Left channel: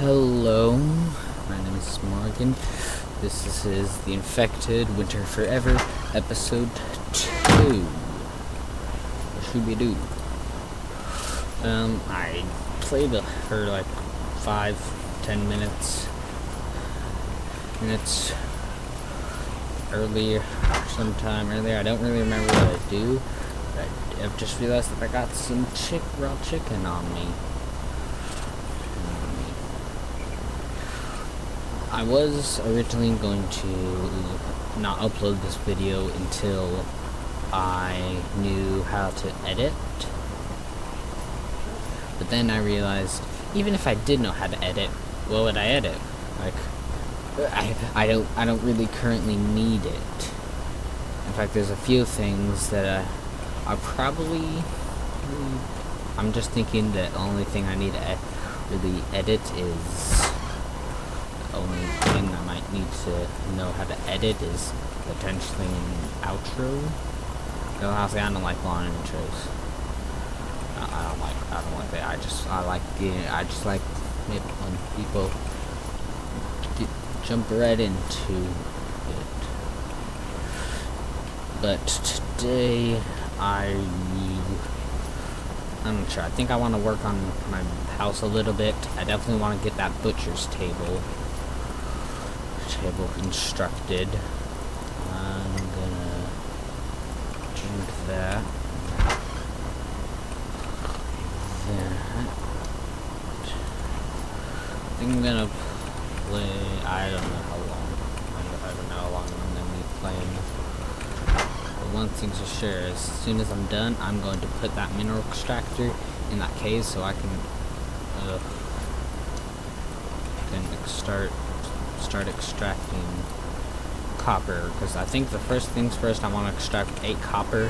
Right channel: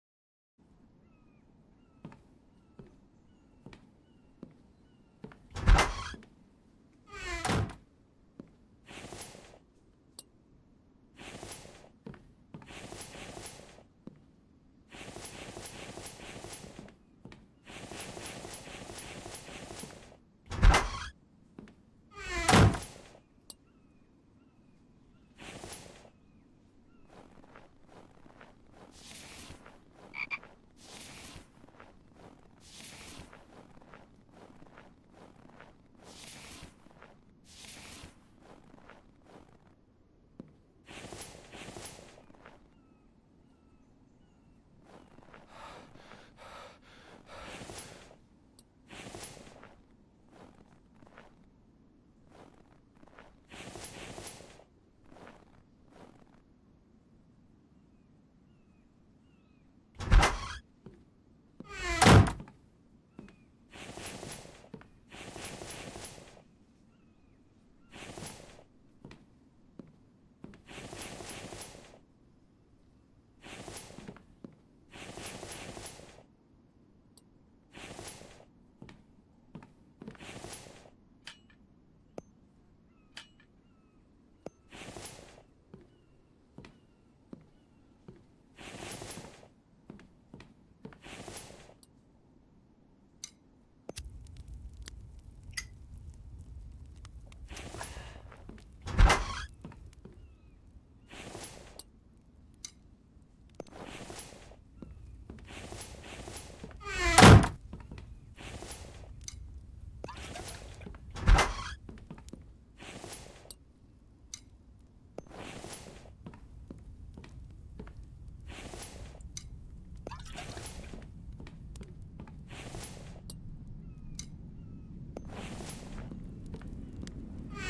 Hello, my name is Morgan. This is The Infected Winter Forever, episode 2. What should we do? I played for like 5-10 minutes earlier, sometime earlier. I don't really remember what I do, but I've just realized that I got some raw chicken on me. I was originally going to not upload this video until I knew how to edit, but then I realized even if I did know how to edit, what would I edit? Like, I don't really currently need it. In fact, there's a few things that I probably, I'm just thinking that the only thing I need to really edit is, the only thing I might need to know how to edit is potentially an outro. No, honestly, I don't like long intros. I don't like that. I just like it when people jump right into it. But today, I'm not sure. I think I want to work on my house a little bit. I definitely want to get that butcher's table constructed. I'm gonna do that. I think I'm gonna play. I don't know how long I'm gonna be playing. But one thing's for sure, as soon as I'm done, I'm going to put that mineral extractor in that cave so I can start extracting copper, because I think the first things first, I want to extract 8 copper,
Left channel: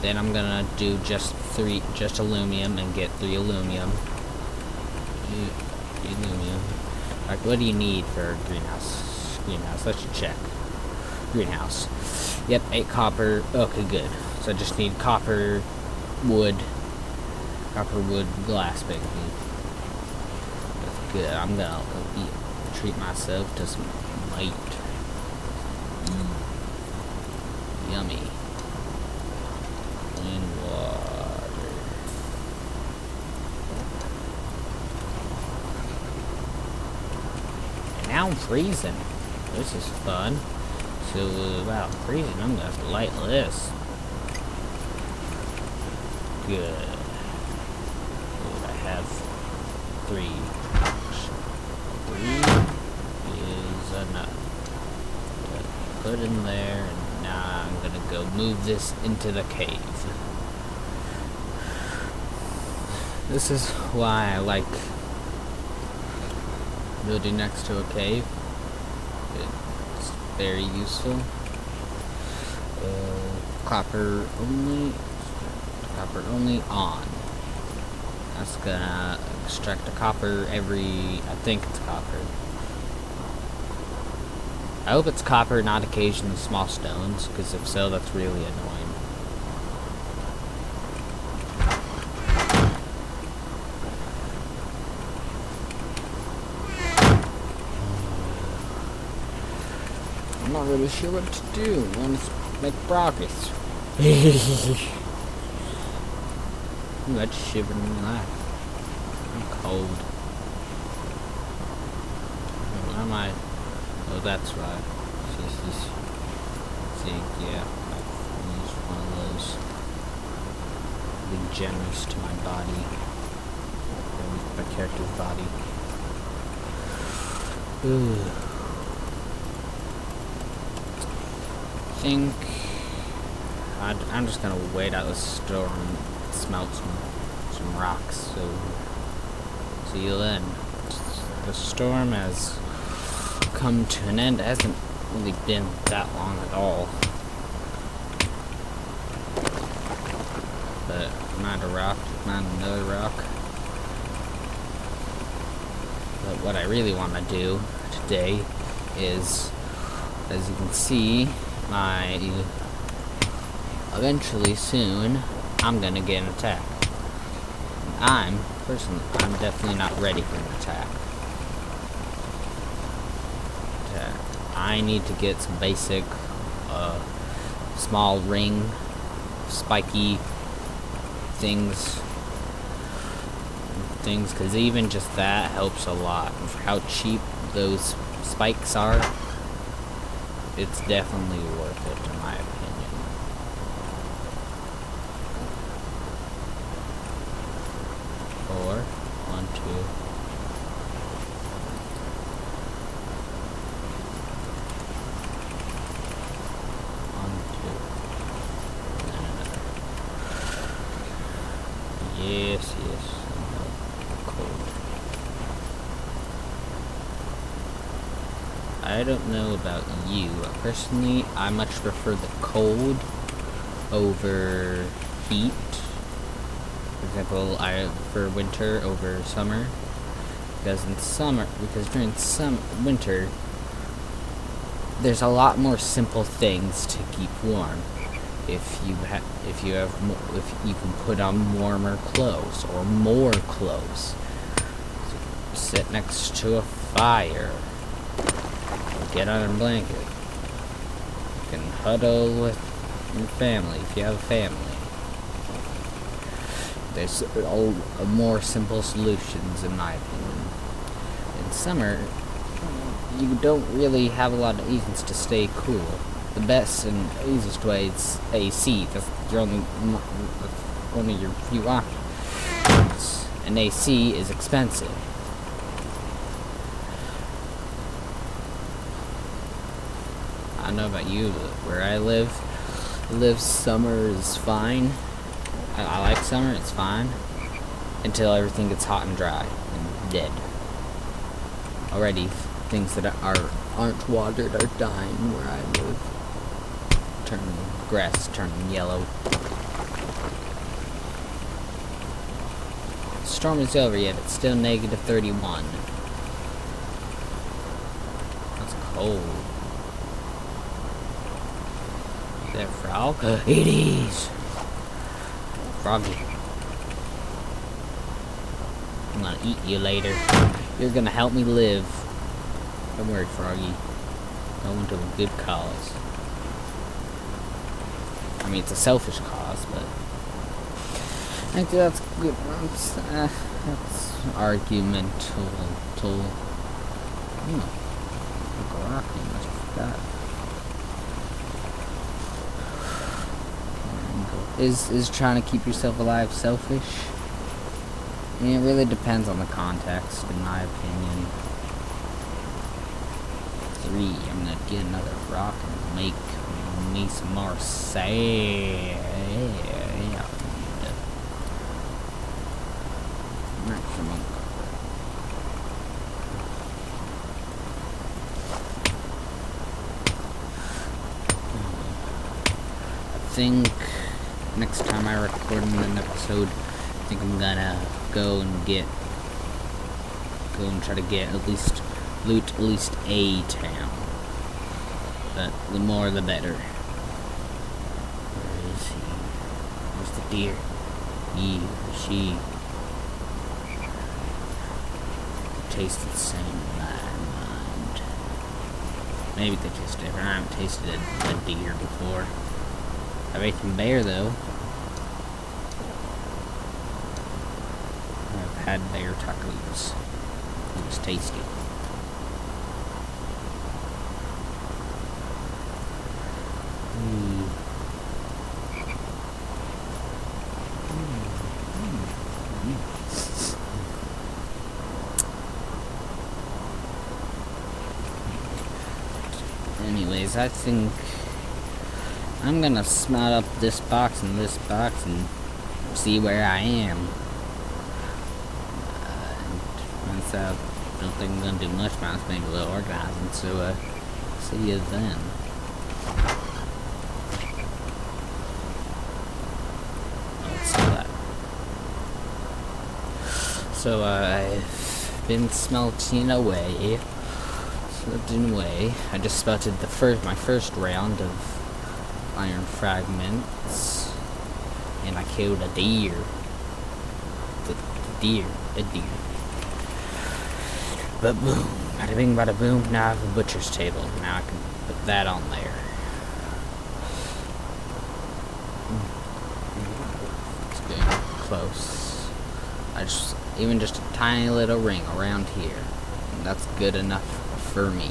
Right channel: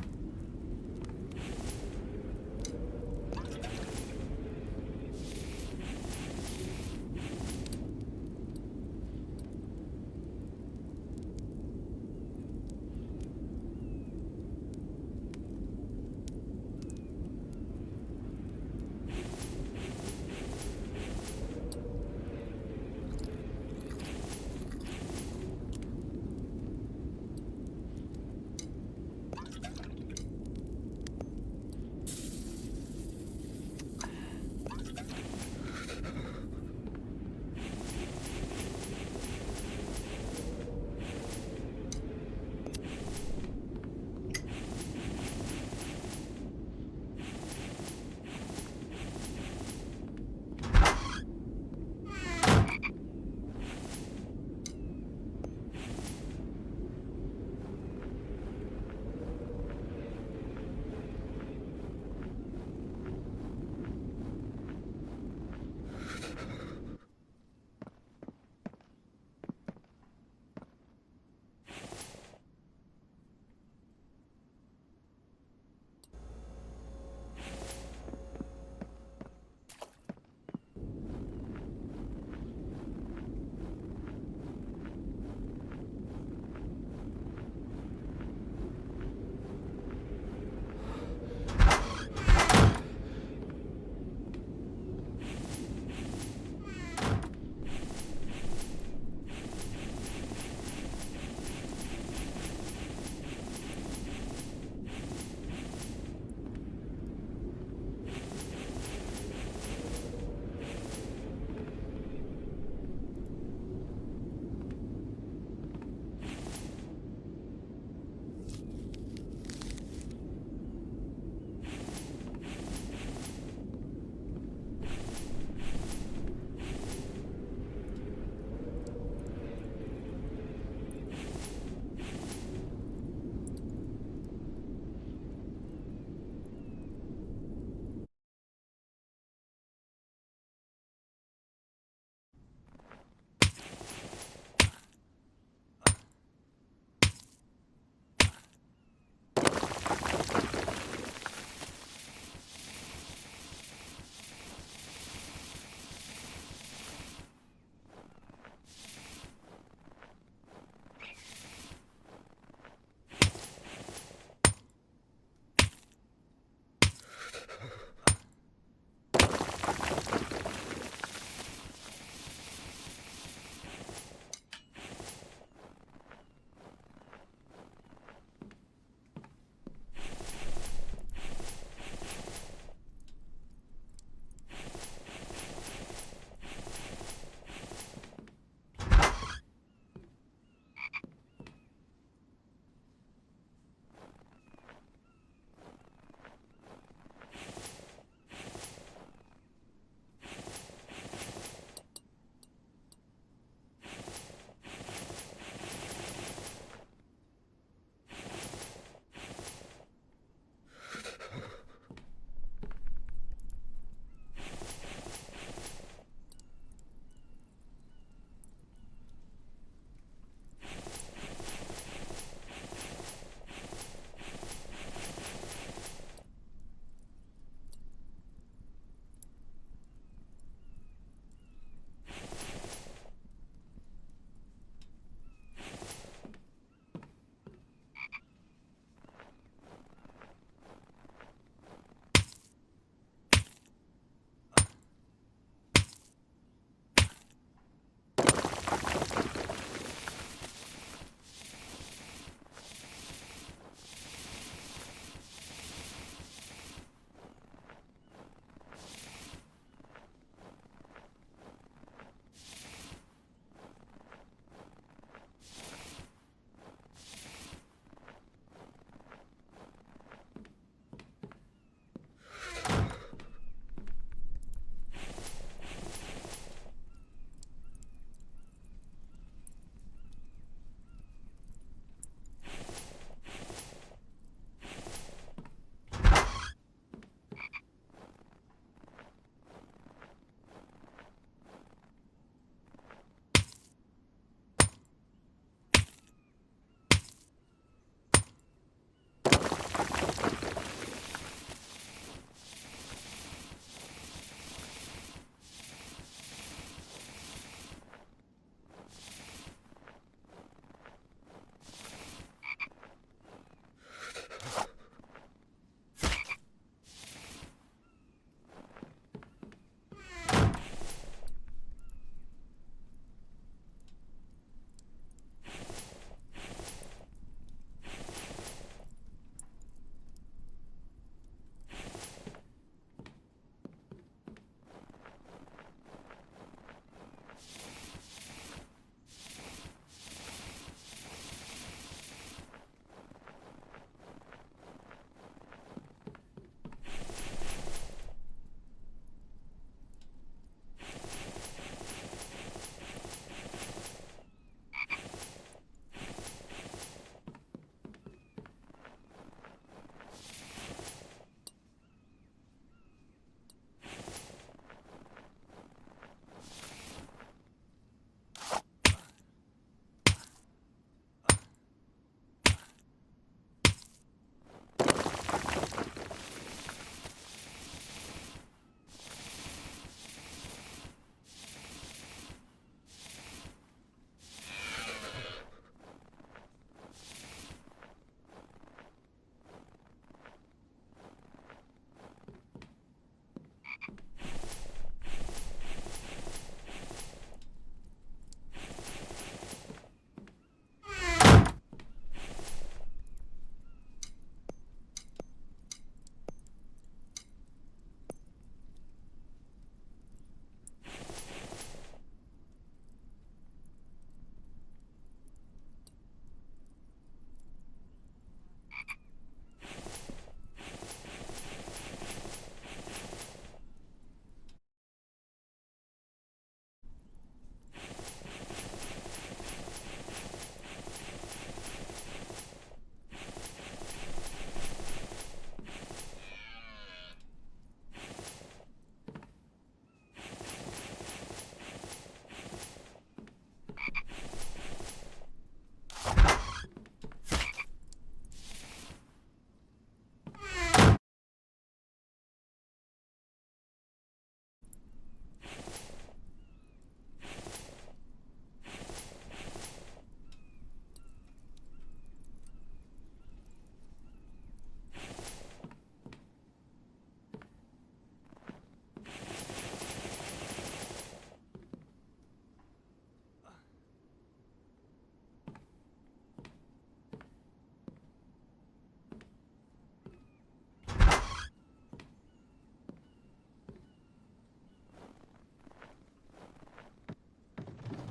then I'm gonna do just aluminum and get 3 aluminum. Like, what do you need for a greenhouse? Let's check. Greenhouse. Yep, 8 copper. Okay, good. So I just need copper, wood, glass, basically. That's good. I'm gonna treat myself to some meat. Yummy. Clean water. Now I'm freezing. This is fun. So, while I'm freezing, I'm gonna have to light this. Good. I have 3. 3 is enough. Put in there, and now I'm gonna go move this into the cave. This is why I like building next to a cave. It's very useful. Copper only on. That's gonna extract the copper I think it's copper. I hope it's copper, not occasionally small stones, because if so, that's really annoying. I'm not really sure what to do. I want to make rockets. Ooh, that's shivering me laugh. I'm cold. Why am I? Oh, that's right. See, yeah. I use one of those. Being generous to my body. My character's body. Ooh. I think I'm just gonna wait out the storm and smelt some rocks. So see you then. The storm has come to an end. It hasn't really been that long at all. But not a rock, not another rock. But what I really want to do today is, as you can see, eventually soon, I'm gonna get an attack. I'm definitely not ready for an attack. I need to get some basic, small ring, spiky things, because even just that helps a lot. And for how cheap those spikes are, it's definitely worth it in my opinion. Four, one, two. Yes. Cold. I don't know about you. Personally, I much prefer the cold over heat. For example, I prefer winter over summer. Because during winter, there's a lot more simple things to keep warm. If you can put on warmer clothes or more clothes. Sit next to a fire. Get on a blanket. You can huddle with your family if you have a family. There's more simple solutions in my opinion. In summer, you don't really have a lot of reasons to stay cool. The best and easiest way is AC. That's one of your few options. And AC is expensive. I don't know about you, but where I live, summer is fine. I like summer, it's fine. Until everything gets hot and dry and dead. Already, things that aren't watered are dying where I live. Grass is turning yellow. The storm is over yet, it's still negative 31. That's cold. Is that a frog? It is! Froggy. I'm gonna eat you later. You're gonna help me live. Don't worry, Froggy. Going to a good cause. I mean, it's a selfish cause, but I think that's good. That's argumental. Is trying to keep yourself alive selfish? I mean, it really depends on the context, in my opinion. 3, I'm gonna get another rock and make me some more sand. Maximum. I think next time I record an episode, I think I'm gonna go and try to get loot at least a town. But the more the better. Where is he? Where's the deer? He or she taste the same in my mind. Maybe they taste different. I haven't tasted a deer before. I've eaten bear though. I've had bear tacos. It was tasty. Anyways, I think I'm gonna smelt up this box and see where I am. Once I don't think I'm gonna do much, but I'm just being a little organizing, so see you then. So I've been smelting away. I just spotted my first round of iron fragments, and I killed a deer. A deer. But boom. Bada bing, bada boom. Now I have a butcher's table. Now I can put that on there. It's good. Close. Even just a tiny little ring around here. And that's good enough for me.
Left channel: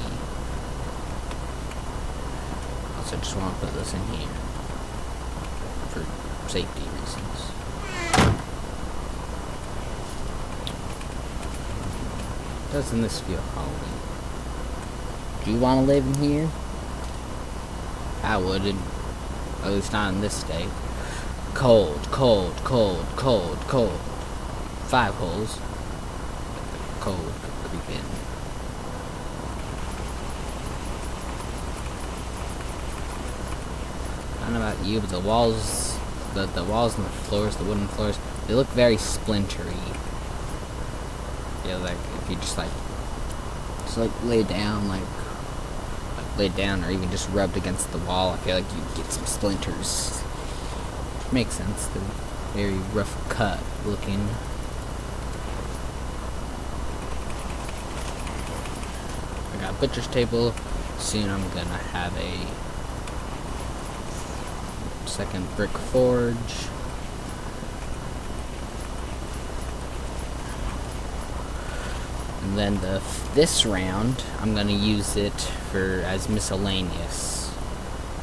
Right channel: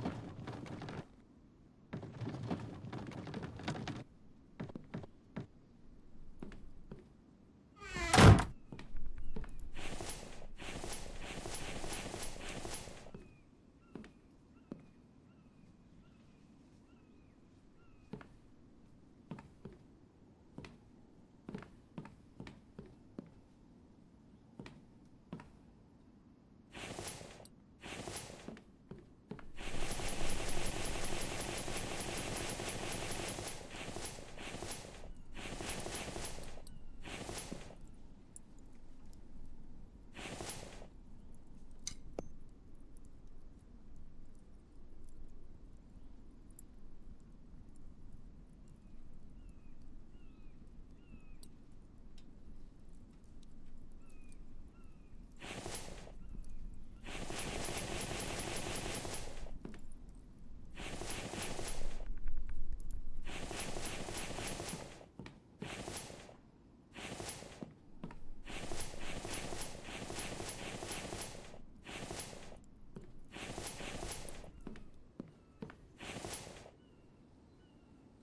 Also, just want to put this in here for safety reasons. Doesn't this feel homey? Do you want to live in here? I wouldn't. At least not in this state. Cold, cold, cold, cold, cold. 5 holes. Cold could creep in. I don't know about you, but the walls, the walls and the floors, the wooden floors, they look very splintery. Yeah, like if you just lay down, lay down, or even just rubbed against the wall, I feel like you'd get some splinters. Makes sense. They're very rough cut looking. I got a butcher's table. Soon I'm gonna have a second brick forge. And then this round, I'm gonna use it as miscellaneous.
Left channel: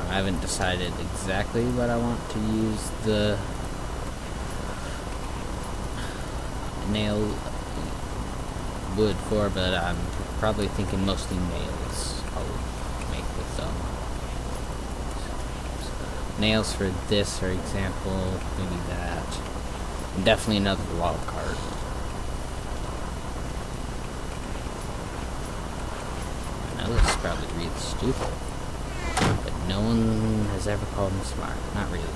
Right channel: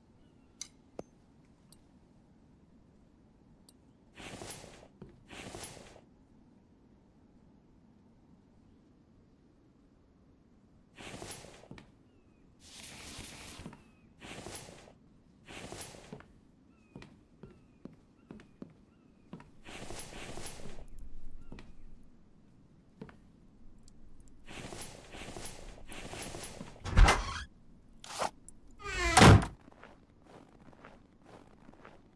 I haven't decided exactly what I want to use the nail wood for, but I'm probably thinking mostly nails. I'll make with them. Nails for this, for example, maybe that. And definitely another log card. This is probably really stupid, but no one has ever called me smart. Not really.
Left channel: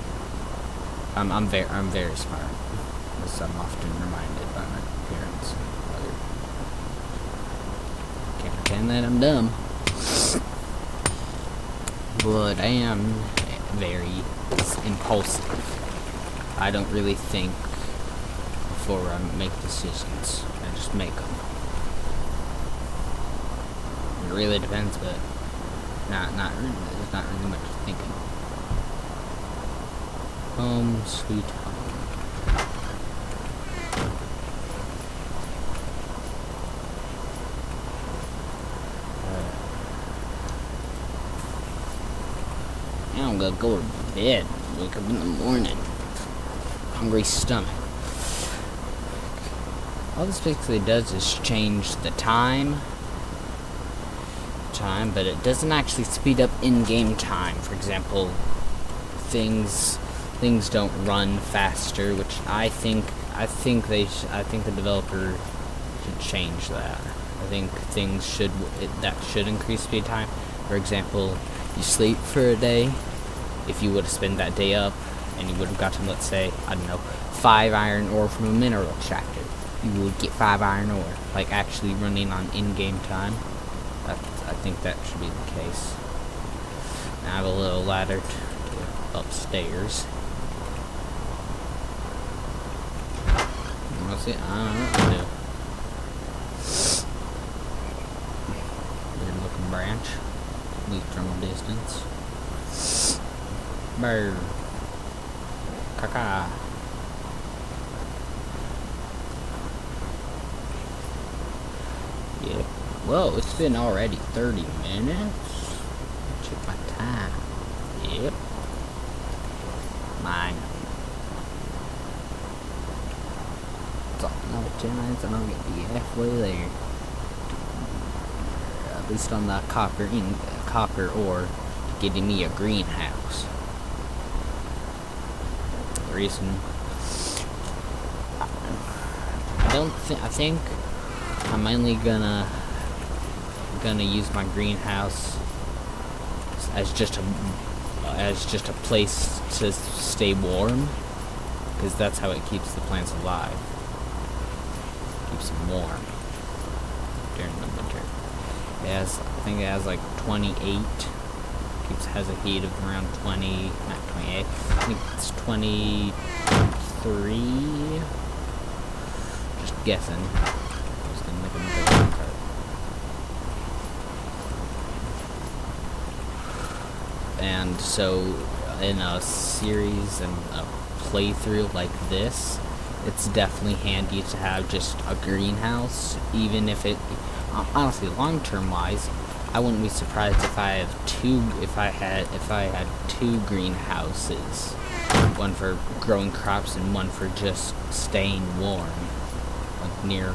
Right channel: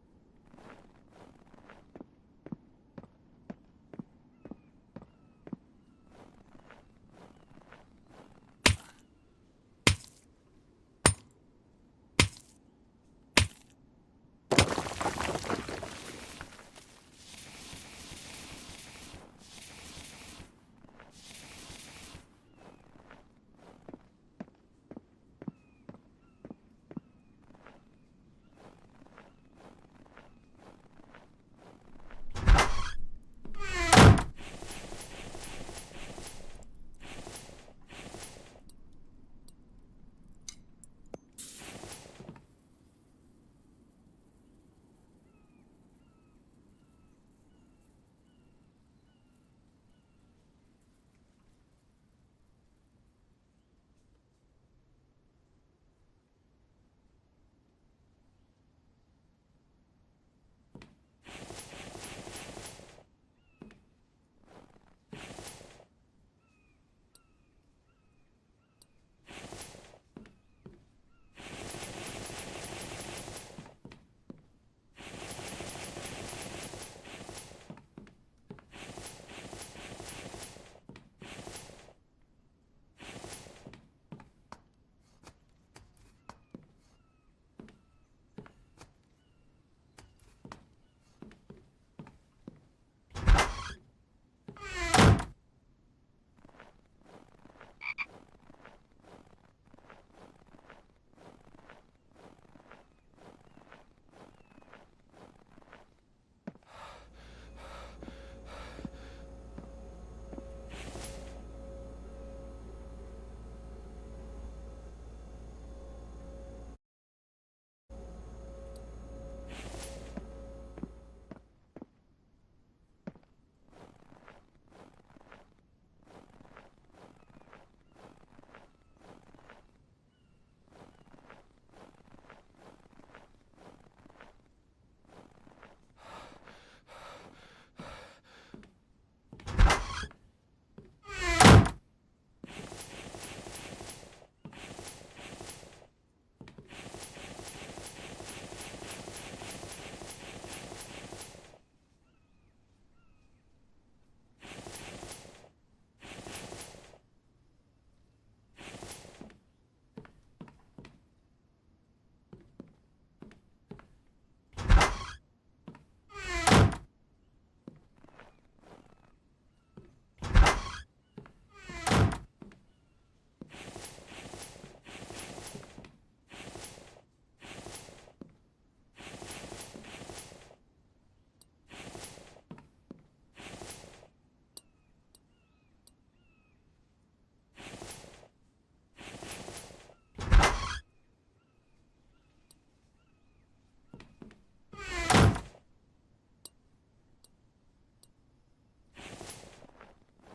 I'm very smart, as I'm often reminded by my parents and other. Can't pretend that I'm dumb, but I am very impulsive. I don't really think before I make decisions. I just make them. It really depends, but there's not really much thinking. Home sweet home. Now I'm gonna go to bed. Wake up in the morning. Hungry stomach. All this basically does is change the time, but it doesn't actually speed up in-game time. For example, things don't run faster, which I think the developer should change that. I think that should increase speed time. For example, you sleep for a day. If you would have spent that day up and you would have gotten, let's say, I don't know, 5 iron ore from a mineral extractor, you would get 5 iron ore, like actually running on in-game time. I think that should be the case. Now I have a little ladder to upstairs. What's it? I don't know. Weird looking branch. At least from a distance. Bird. Caca. Yeah. Whoa, it's been already 30 minutes. Check my time. Yep. Mine. It's another 10 minutes and I'll get the halfway there. At least on the copper ore, getting me a greenhouse. The reason I think I'm mainly gonna use my greenhouse as just a place to stay warm, because that's how it keeps the plants alive. Keeps them warm during the winter. I think it has like 28. Has a heat of around 20, not 28. I think it's 23. Just guessing. Just gonna make another card. And so, in a series and a playthrough like this, it's definitely handy to have just a greenhouse, even if it, honestly, long-term wise, I wouldn't be surprised if I had two greenhouses, one for growing crops and one for just staying warm, like near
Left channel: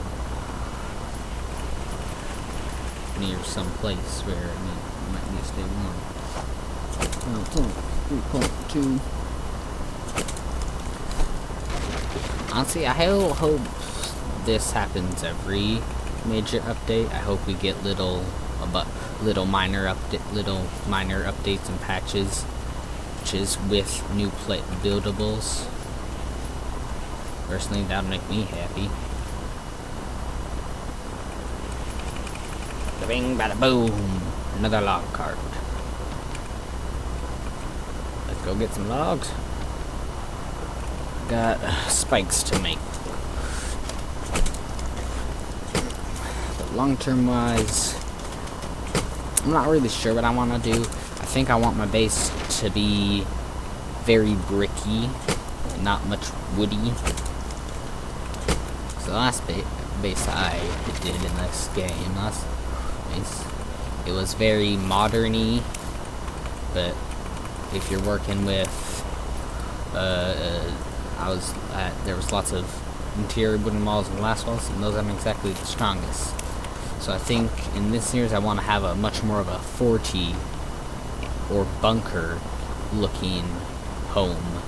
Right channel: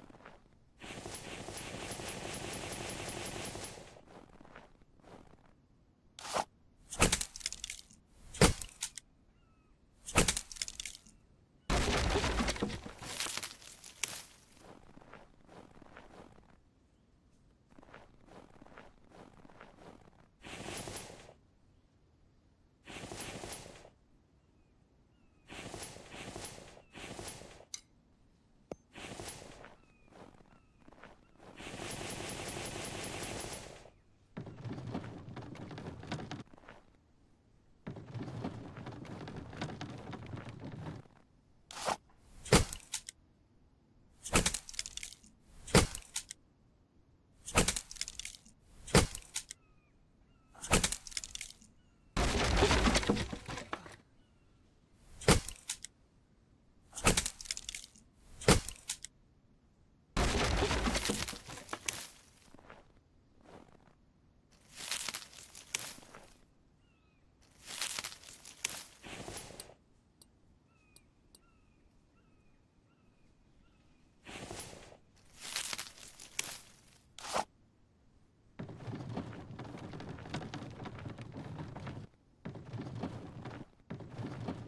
some place where you might need to stay warm. 3.2. Honestly, I hope this happens every major update. I hope we get little minor updates and patches with new buildables. Personally, that would make me happy. Bing, bada, boom! Another log cart. Let's go get some logs. Got spikes to make. But long-term wise, I'm not really sure what I want to do. I think I want my base to be very bricky, not much woody. So the last base I did in this game, it was very modern-y, but if you're working with, there was lots of interior wooden walls and glass walls, and those aren't exactly the strongest. So I think in this series I want to have a much more of a forty or bunker looking home.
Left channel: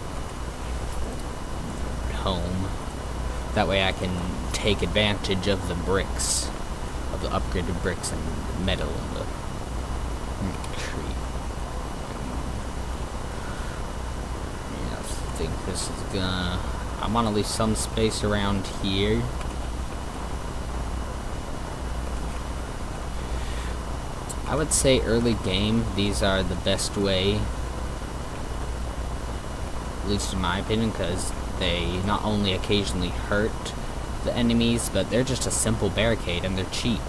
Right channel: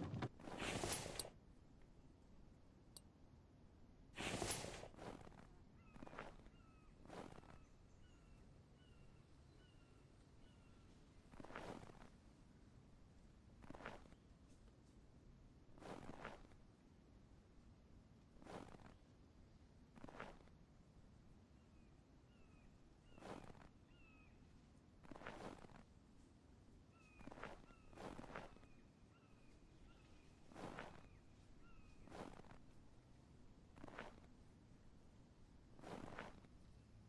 That way I can take advantage of the bricks, of the upgraded bricks and metal and the tree. Yeah, I think this is gonna, I want to leave some space around here. I would say early game, these are the best way, at least in my opinion, because they not only occasionally hurt the enemies, but they're just a simple barricade and they're cheap.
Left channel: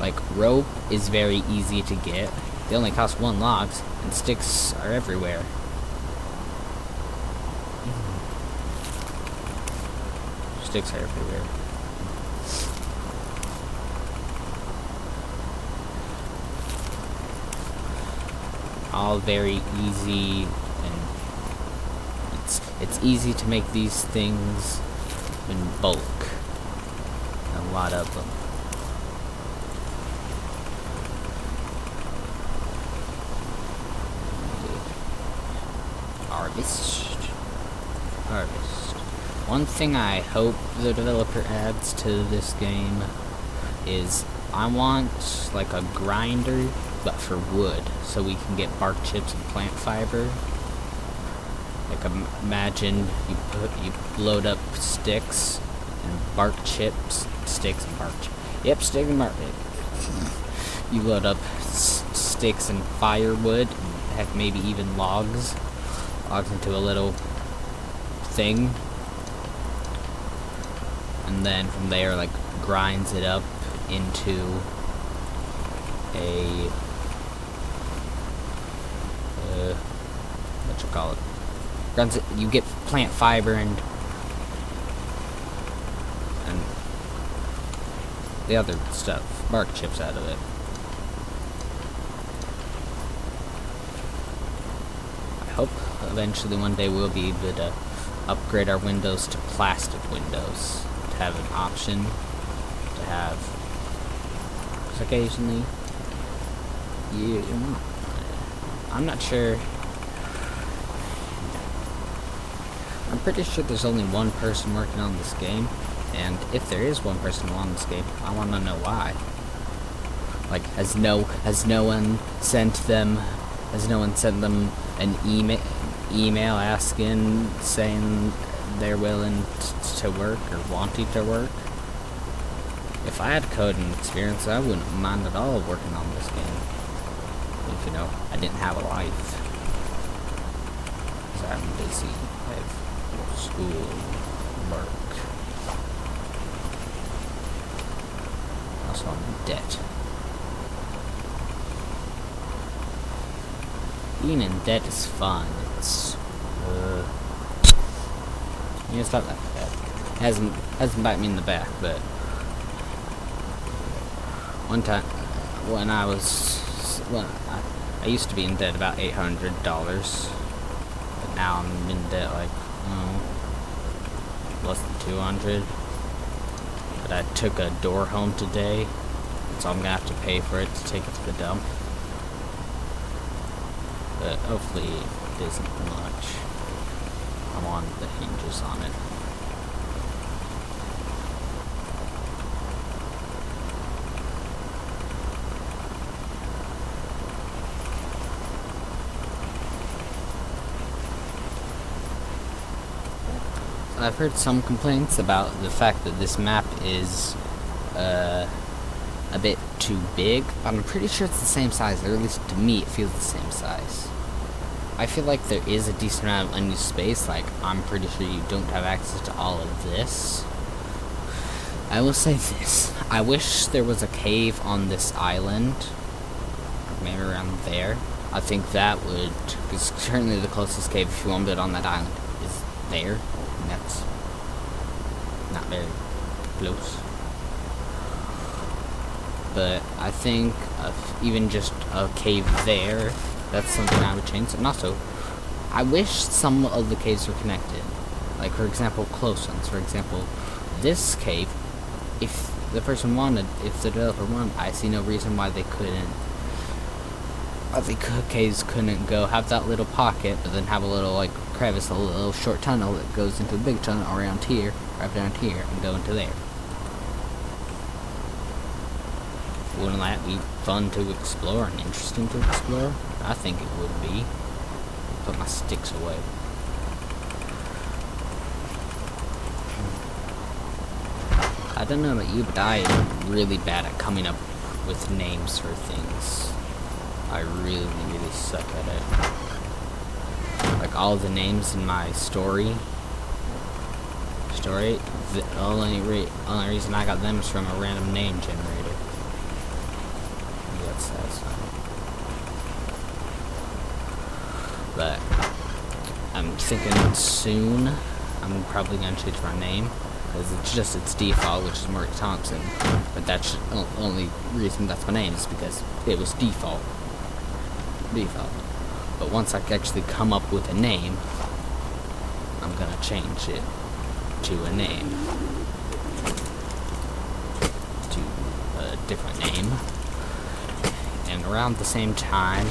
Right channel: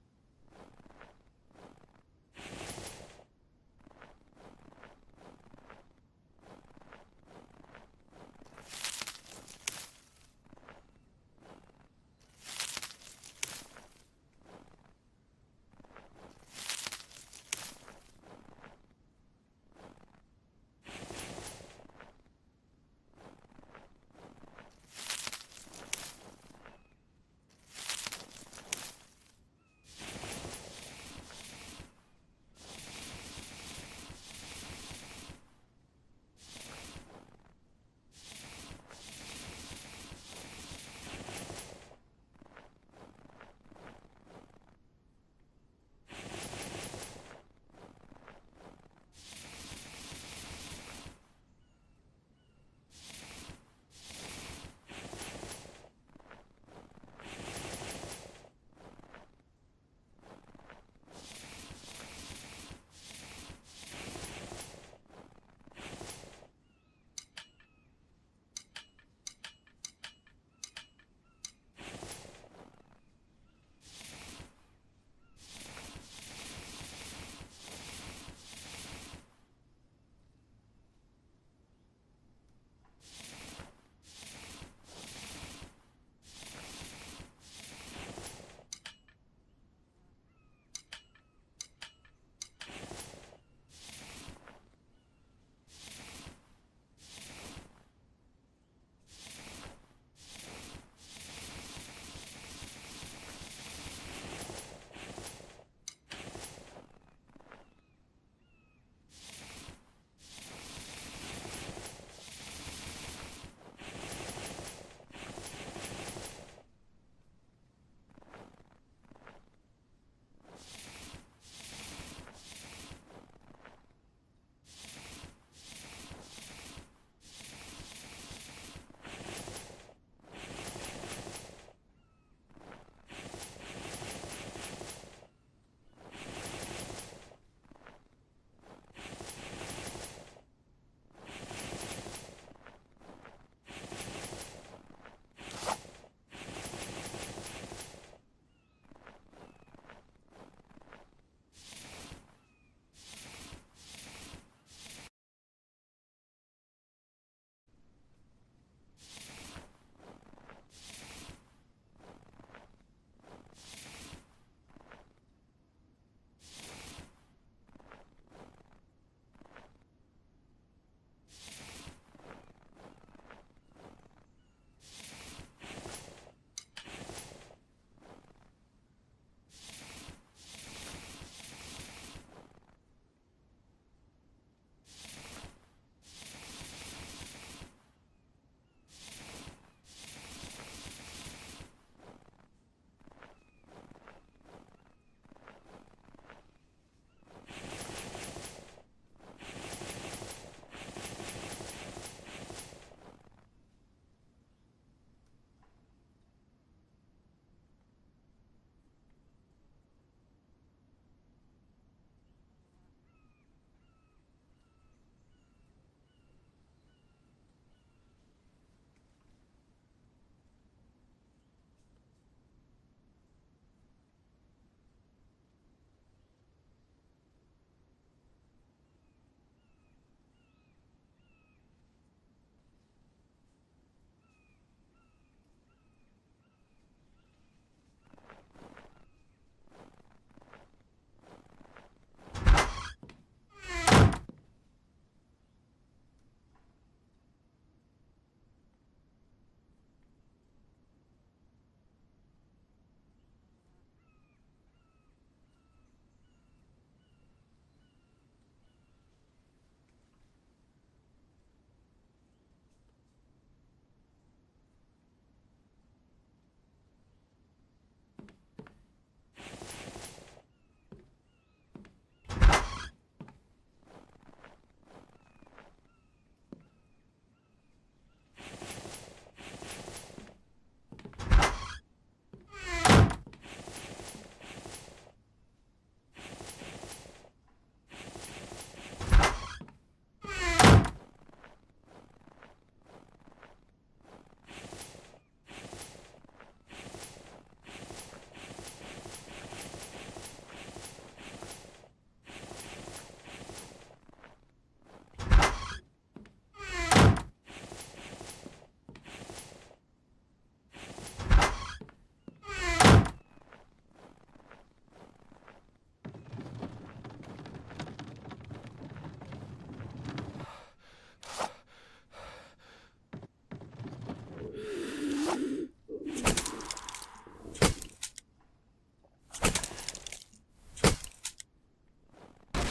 Like, rope is very easy to get. They only cost 1 log, and sticks are everywhere. Sticks are everywhere. All very easy, and it's easy to make these things in bulk. A lot of them. Harvest. One thing I hope the developer adds to this game is I want like a grinder, but for wood, so we can get bark chips and plant fiber. Like, imagine you load up sticks and bark chips, sticks and bark. Yep, stick and bark. You load up sticks and firewood, and have maybe even logs into a little thing, and then from there, like, grinds it up into a what you call it? Grinds it. You get plant fiber and the other stuff, bark chips out of it. I hope eventually one day we'll be able to upgrade our windows to plastic windows, to have an option to have. Occasionally, I'm not sure. I'm pretty sure there's only one person working on this game, and if there is one person on this game, I want to know why. Like, has no one sent them an email asking, saying they're willing to work or wanting to work? If I had coding experience, I wouldn't mind at all working on this game. If, I didn't have a life. Because I'm busy. I have school, work. Also, I'm in debt. being in debt is fun. It's it's not that bad. It hasn't bite me in the back, but one time when I used to be in debt about $800, but now I'm in debt like less than 200. But I took a door home today, so I'm gonna have to pay for it to take it to the dump. But hopefully it isn't much. I'm on the hinges on it. I've heard some complaints about the fact that this map is a bit too big, but I'm pretty sure it's the same size, or at least to me it feels the same size. I feel like there is a decent amount of unused space, like I'm pretty sure you don't have access to all of this. I will say this, I wish there was a cave on this island, maybe around there. I think that would, because currently the closest cave, if you want to build on that island, is there. And that's not very close. But I think even just a cave there, that's something I would change. And also, I wish some of the caves were connected. Like, for example, close ones. For example, this cave, if the person wanted, if the developer wanted, I see no reason why they couldn't. The caves couldn't go have that little pocket, but then have a little like crevice, a little short tunnel that goes into a big tunnel around here, right down here, and go into there. Wouldn't that be fun to explore and interesting to explore? I think it would be. Put my sticks away. I don't know about you, but I am really bad at coming up with names for things. I really suck at it. Like all the names in my story, the only reason I got them is from a random name generator. Maybe that's sad. But I'm thinking soon I'm probably gonna change my name, because it's just its default, which is Mark Thompson. But that's the only reason that's my name, is because it was default. But once I actually come up with a name, I'm gonna change it to a name, to a different name. And around the same time,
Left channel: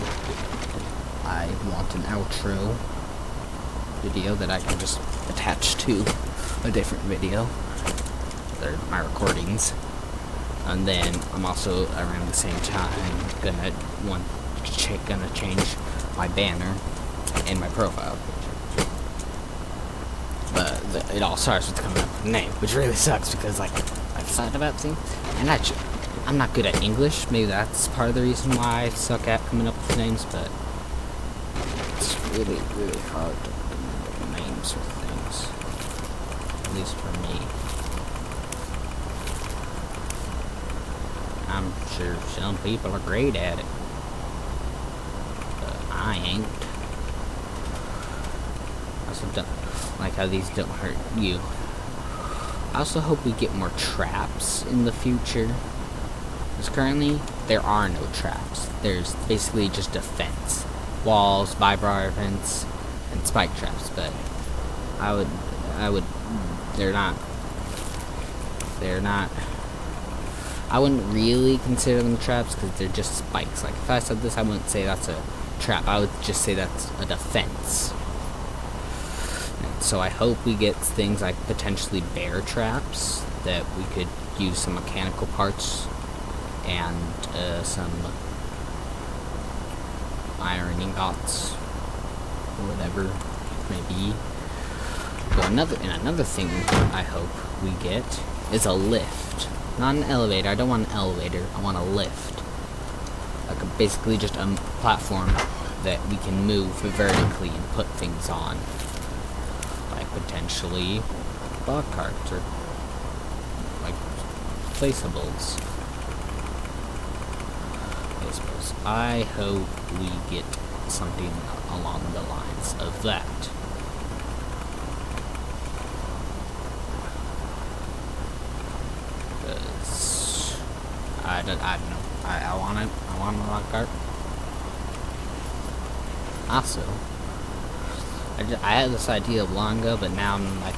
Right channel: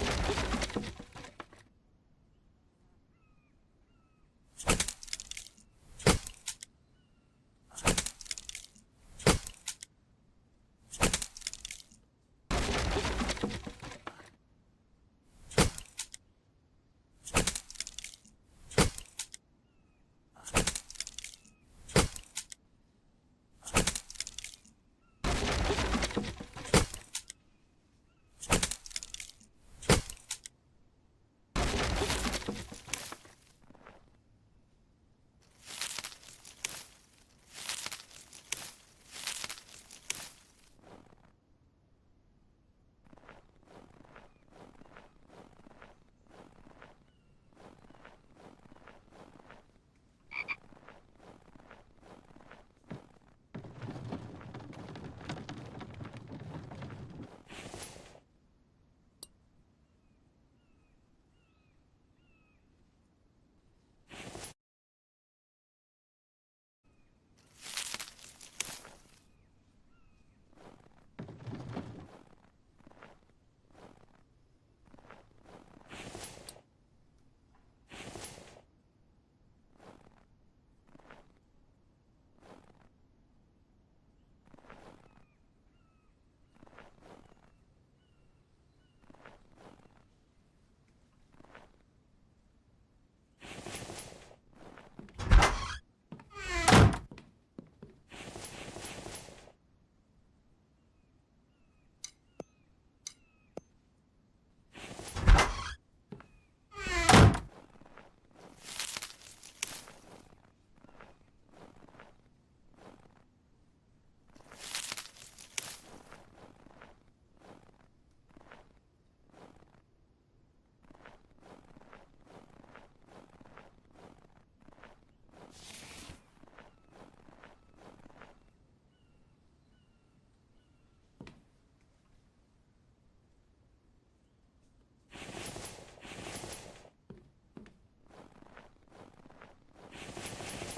I want an outro video that I can just attach to a different video. They're my recordings. And then I'm also around the same time gonna change my banner and my profile picture. But it all starts with coming up with a name, which really sucks because like I thought about things, and actually I'm not good at English. Maybe that's part of the reason why I suck at coming up with names. But it's really hard to come up with names for things, at least for me. I'm sure some people are great at it. I ain't. I also don't like how these don't hurt you. I also hope we get more traps in the future. Because currently, there are no traps. There's basically just a fence. Walls, vibrar vents, and spike traps. But they're not, I wouldn't really consider them traps because they're just spikes. Like, if I said this, I wouldn't say that's a trap. I would just say that's a defense. And so I hope we get things like potentially bear traps that we could use some mechanical parts and some iron ingots or whatever it may be. But another thing I hope we get is a lift. Not an elevator. I don't want an elevator. I want a lift. Like basically just a platform that we can move vertically and put things on. Like potentially bog carts or like placeables. I hope we get something along the lines of that. Because I don't know. I want it. I want a rock art. Also, I had this idea long ago, but now I'm like,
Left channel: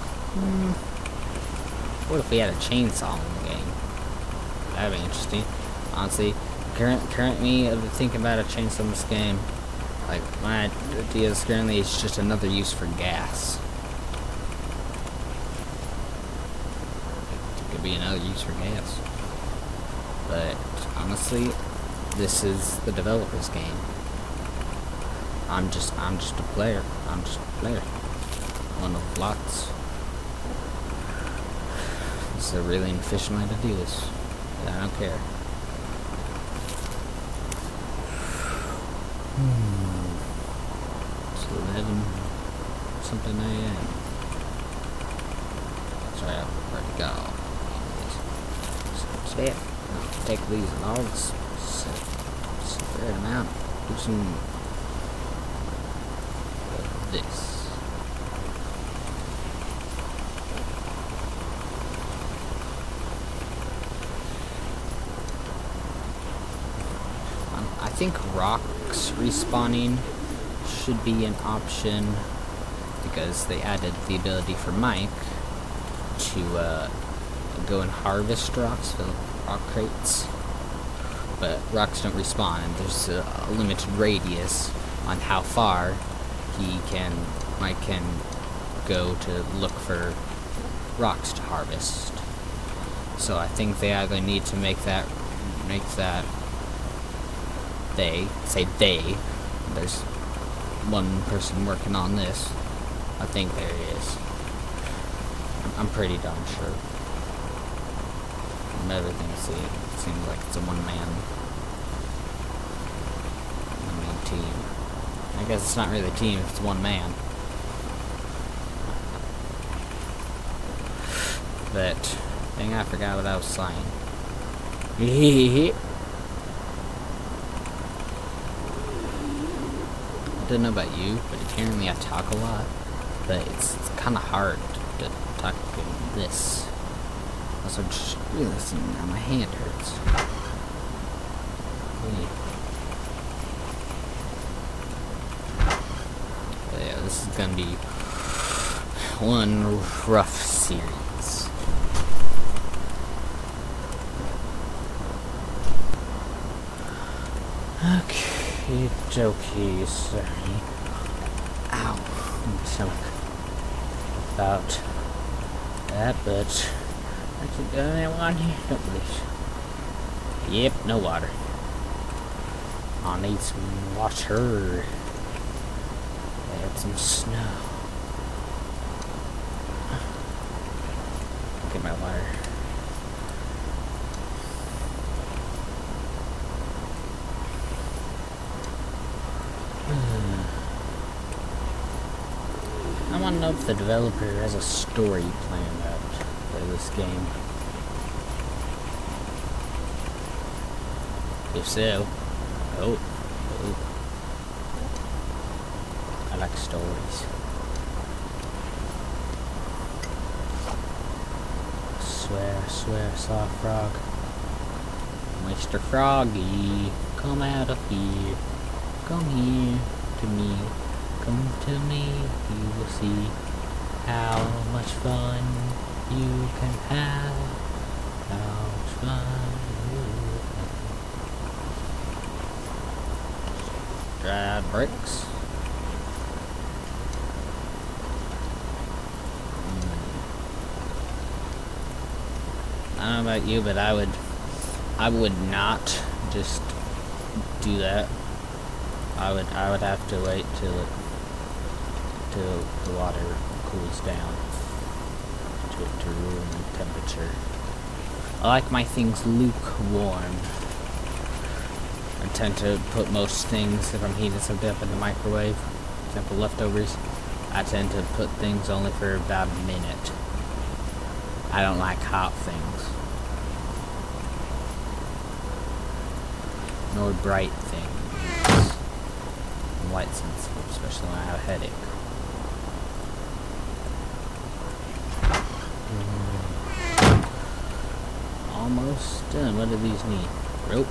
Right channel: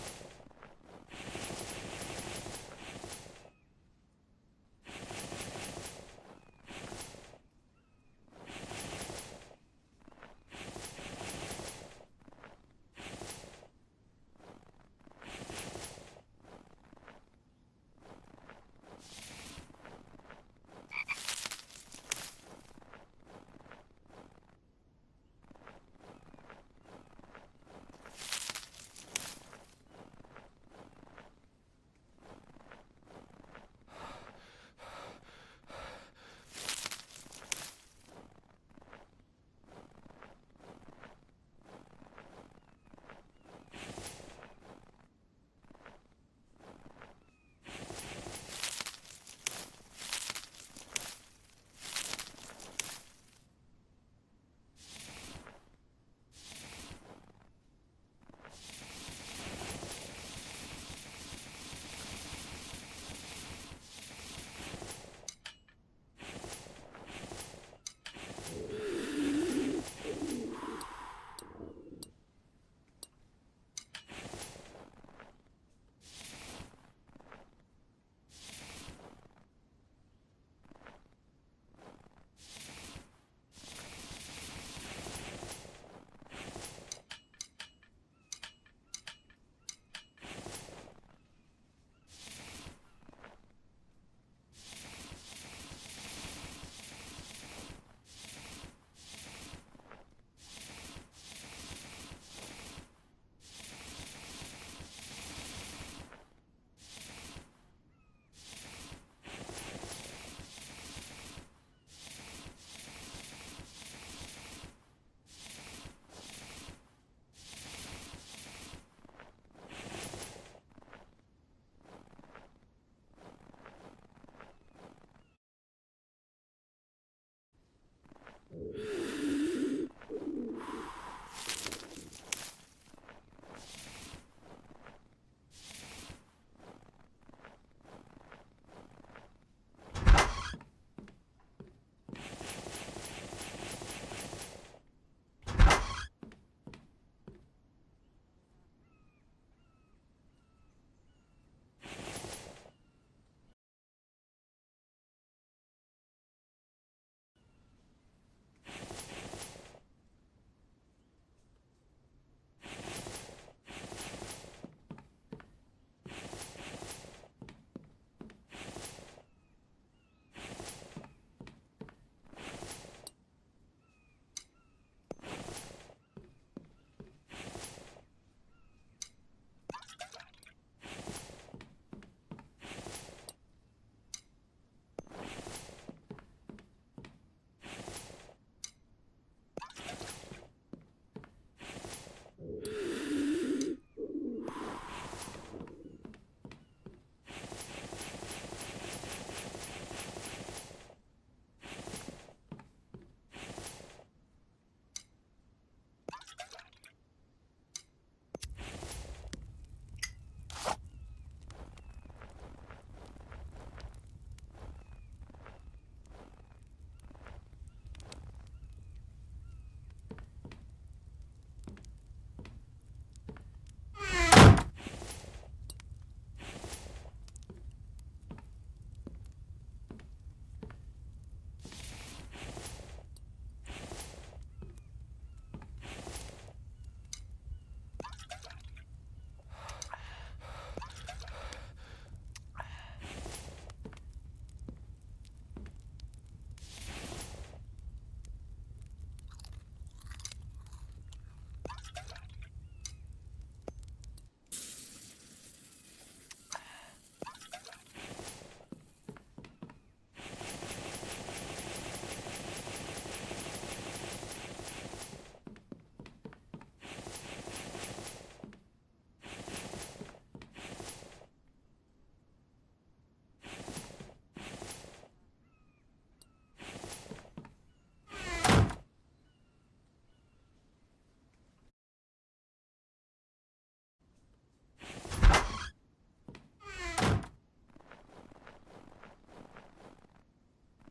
what if we had a chainsaw in the game? That'd be interesting. Honestly, currently thinking about a chainsaw in this game, like my idea is currently it's just another use for gas. It could be another use for gas. But honestly, this is the developer's game. I'm just a player. I'm just a player. One of lots. This is a really inefficient way to do this. But I don't care. It's 11 something a.m. Sorry, I've already got all these. Step. Take these logs. Spread them out. Do some this. I think rocks respawning should be an option because they added the ability for Mike to go and harvest rocks, fill rock crates. But rocks don't respawn, and there's a limited radius on how far Mike can go to look for rocks to harvest. So I think they either need to make that there's one person working on this. I think there is. I'm pretty darn sure. From everything I see, it seems like it's a one-man team. I guess it's not really a team, it's one man. But, dang, I forgot what I was saying. I don't know about you, but apparently I talk a lot. But it's kind of hard to talk in this. Also, just realizing now my hand hurts. Yeah, this is gonna be one rough series. Okay, jokey, sorry. Ow, I'm so about that, but I don't want here. Don't please. Yep, no water. I need some water. Add some snow. Get my water. I want to know if the developer has a story planned out for this game. If so, oh. I like stories. Swear, saw a frog. Mr. Froggy, come out of here. Come here to me. Come to me, you will see how much fun you can have. How much fun you can have. Dried bricks. I don't know about you, but I would not just do that. I would have to wait till the water cools down to room temperature. I like my things lukewarm. I tend to put most things, if I'm heating something up in the microwave, for example leftovers, I tend to put things only for about a minute. I don't like hot things. Nor bright things. I'm light sensitive, especially when I have a headache. Almost done. What do these need? Rope.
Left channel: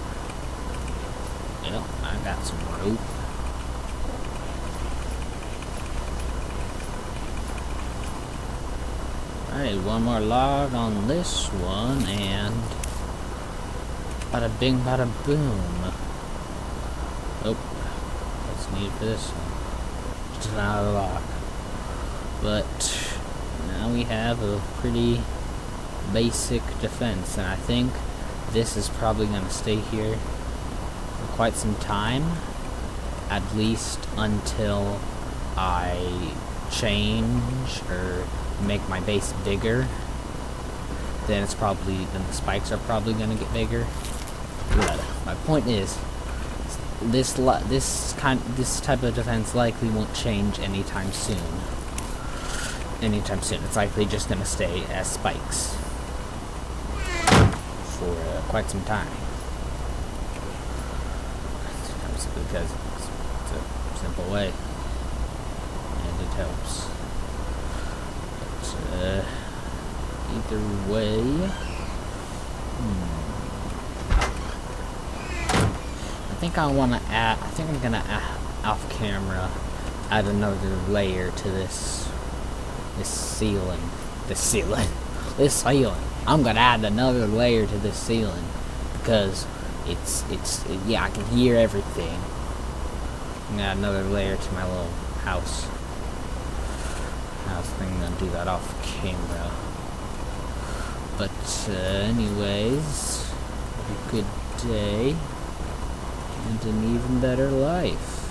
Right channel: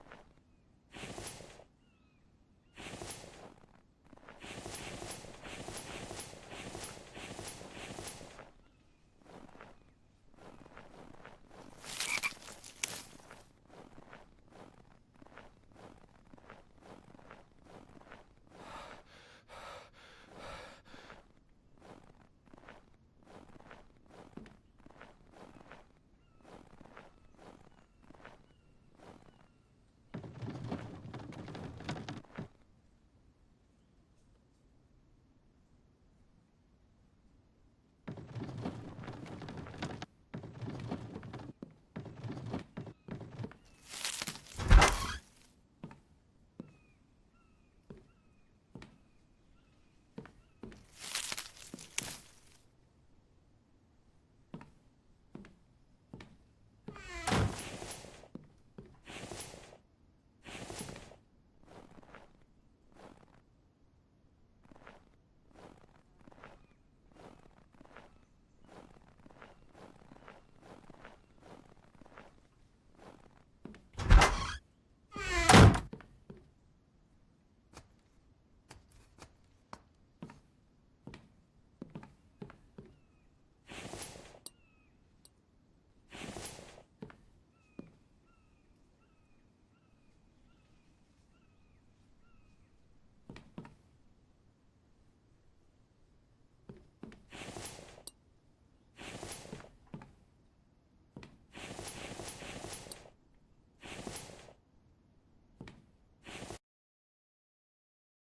Yep, I got some rope. Alright, one more log on this one, and bada bing, bada boom. Oh, what's needed for this one? Just another log. But now we have a pretty basic defense, and I think this is probably going to stay here for quite some time, at least until I change or make my base bigger. Then the spikes are probably going to get bigger. But my point is, this type of defense likely won't change anytime soon. It's likely just going to stay as spikes for quite some time. Because it's a simple way, and it helps. But either way, I think I'm gonna off camera add another layer to this ceiling. I'm gonna add another layer to this ceiling because yeah, I can hear everything. I'm gonna add another layer to my little house thing. I'm gonna do that off camera. But anyways, have a good day and an even better life.